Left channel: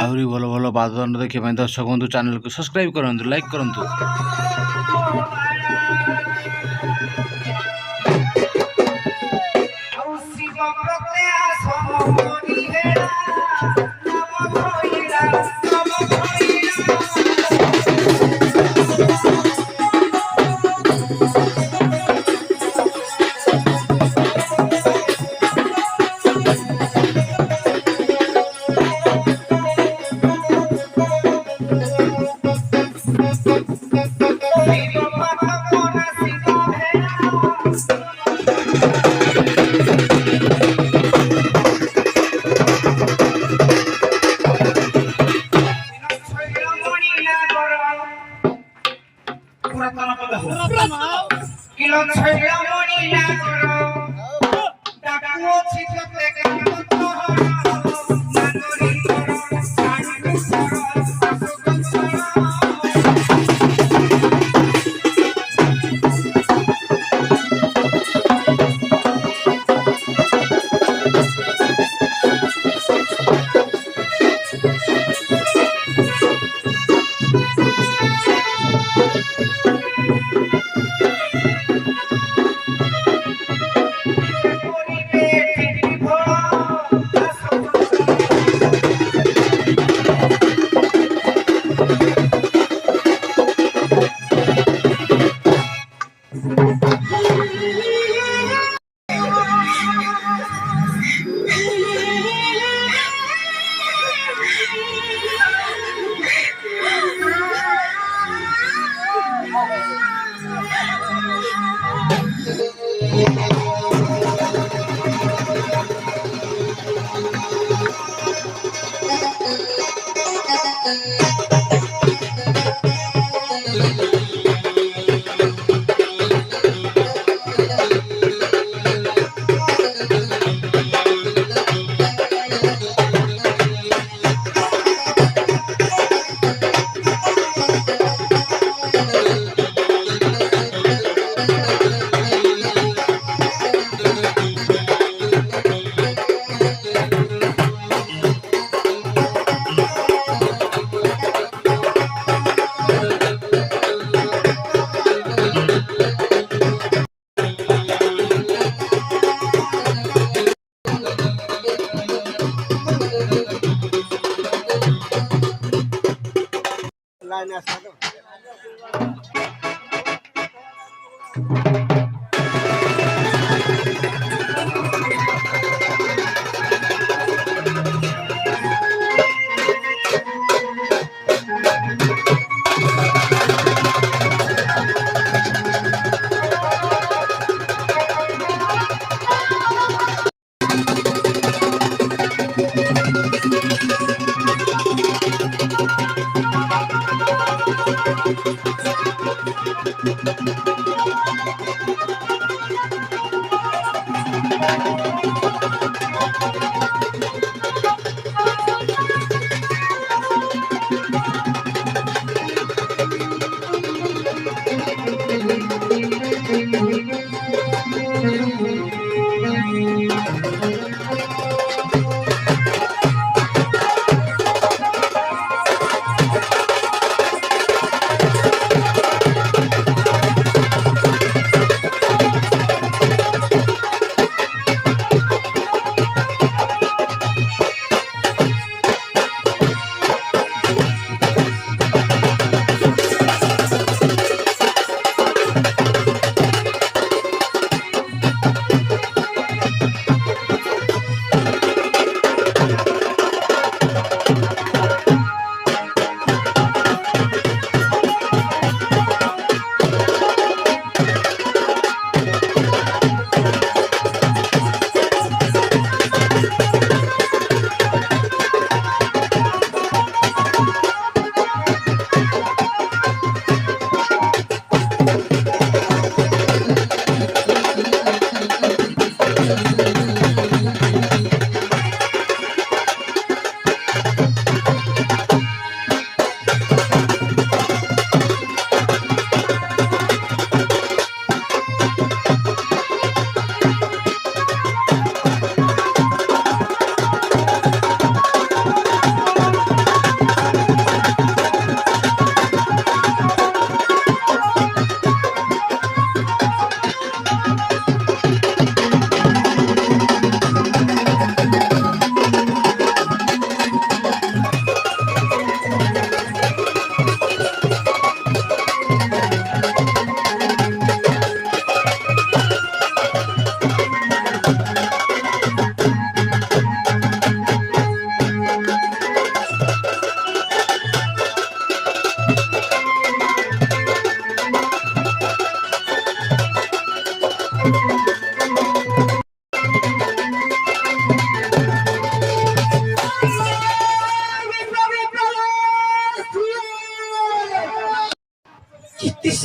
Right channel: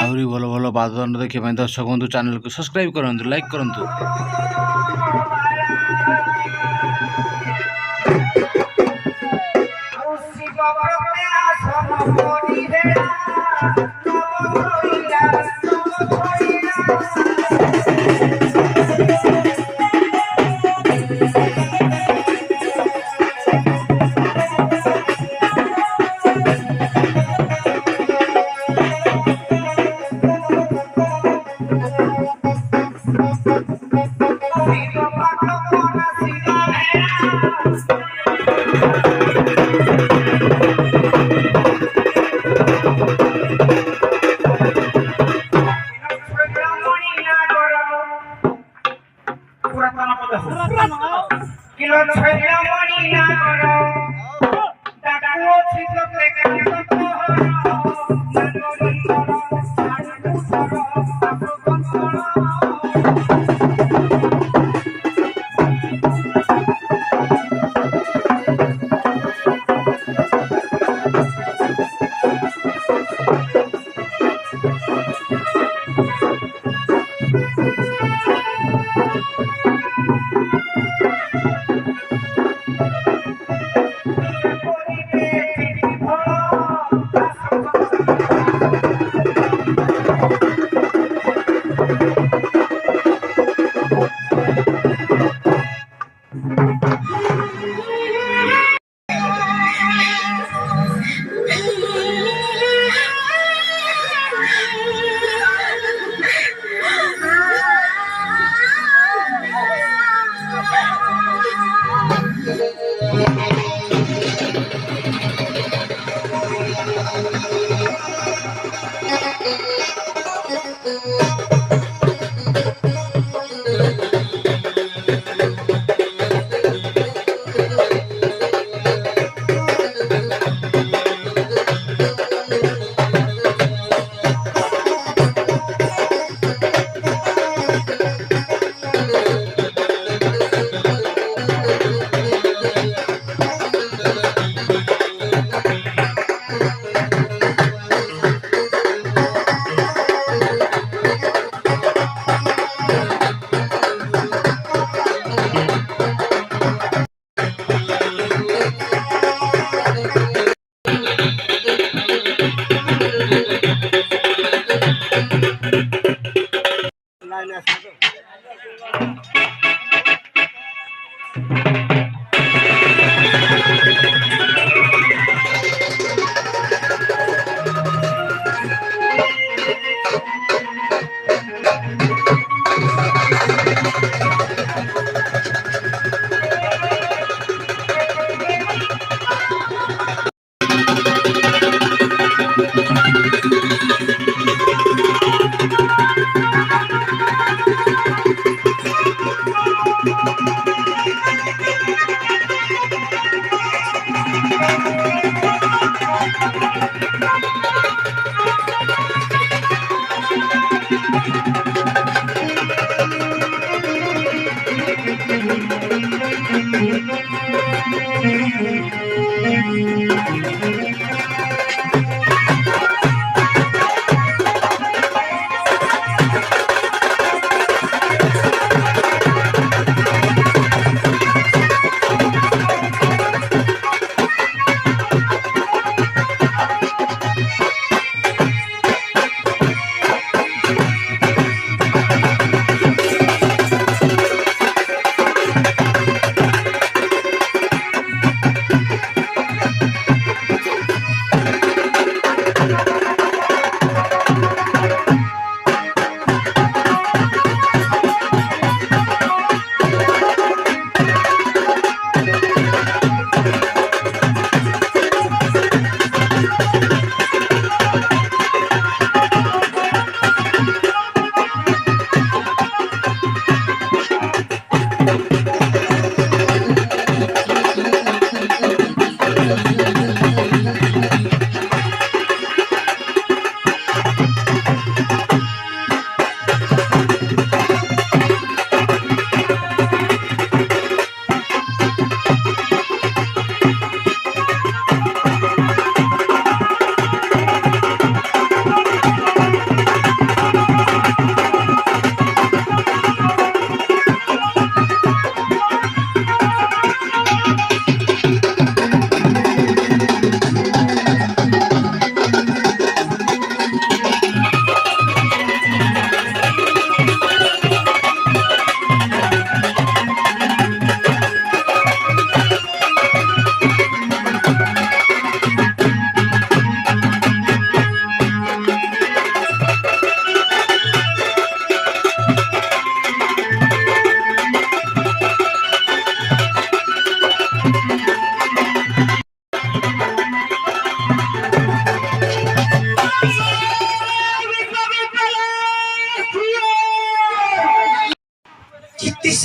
ଆହୁରି ଭଲ ଭଲ ବାଦ ଦଣ୍ଡ ଦେଖିବା ପାଇଁ ଦର୍ଶକ ବନ୍ଧୁ ଚ୍ୟାନେଲକୁ ସବସ୍କ୍ରାଇବ୍ କରନ୍ତୁ, ଲାଇକ୍ କରନ୍ତୁ।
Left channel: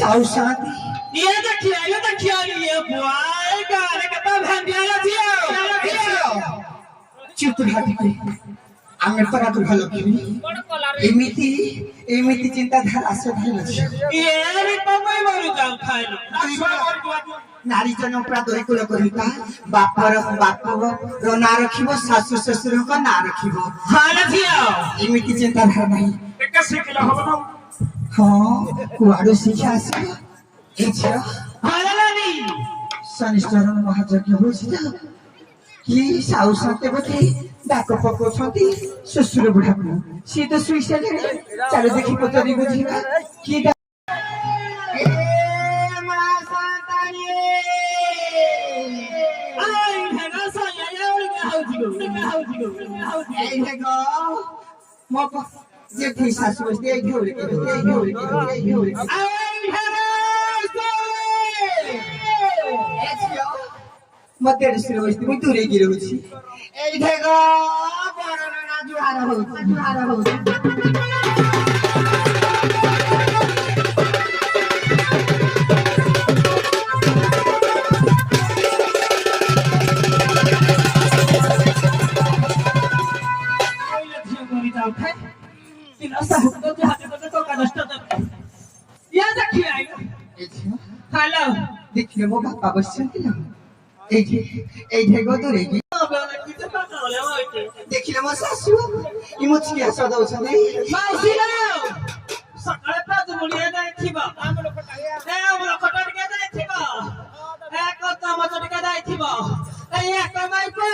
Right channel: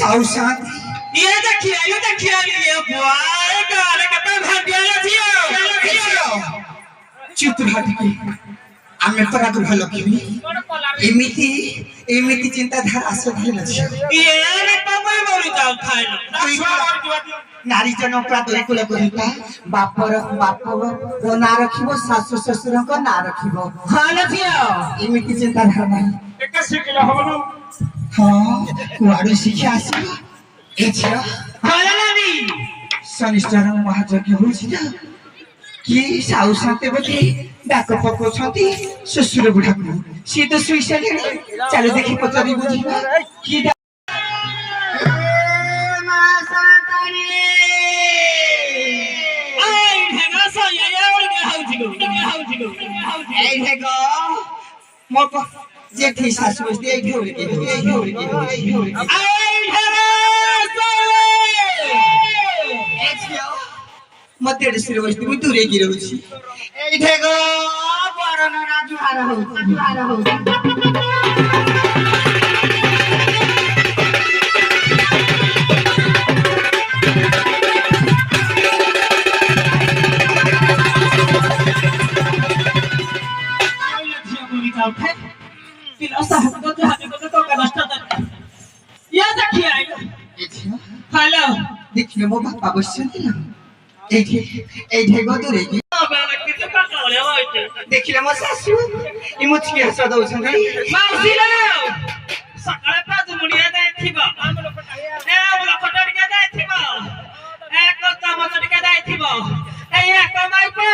साउ साथ ये देखिए ये बुआई गाले कता भांडिया छियो चुप हटके आमे तोरा तो भालो किबी एमिति एमिति चिंताधारा से धैल छी ये रे तमय मरु जाऊ खाइलो नारी जन प्रादय कुल कहिता बापर रो ना रखिबो सासु ससुर को ना रखिबो हां न छियो एमिति चिंताधारा भाई एक सिकिलो हबनो हां कुआरो शिक्षा आसी ए छियो हालानी शनिश्चर महायज्ञ होछि जा कि साउ साथे बके डाक पको छथि ससुर बुढा को सी तो सुइसे ले चलो देखि पचरी बुझिबा कि जेठी सासु बस्ती आई ढोल के मते सिर बस्ती मु दूरे की रहउछि एठे गो बरन राजू हारा हो हेलो देखियो मो बापा बसछथि न एठे गो दूरे की देखिले म सासु इ मुछकी हस दउछथि माउसी लो सकाळे 5 मुड़िया जाइथिबो ए कटड़िया जाइथिबो ए कता मचड़िया जाइथिबो ए कमाई को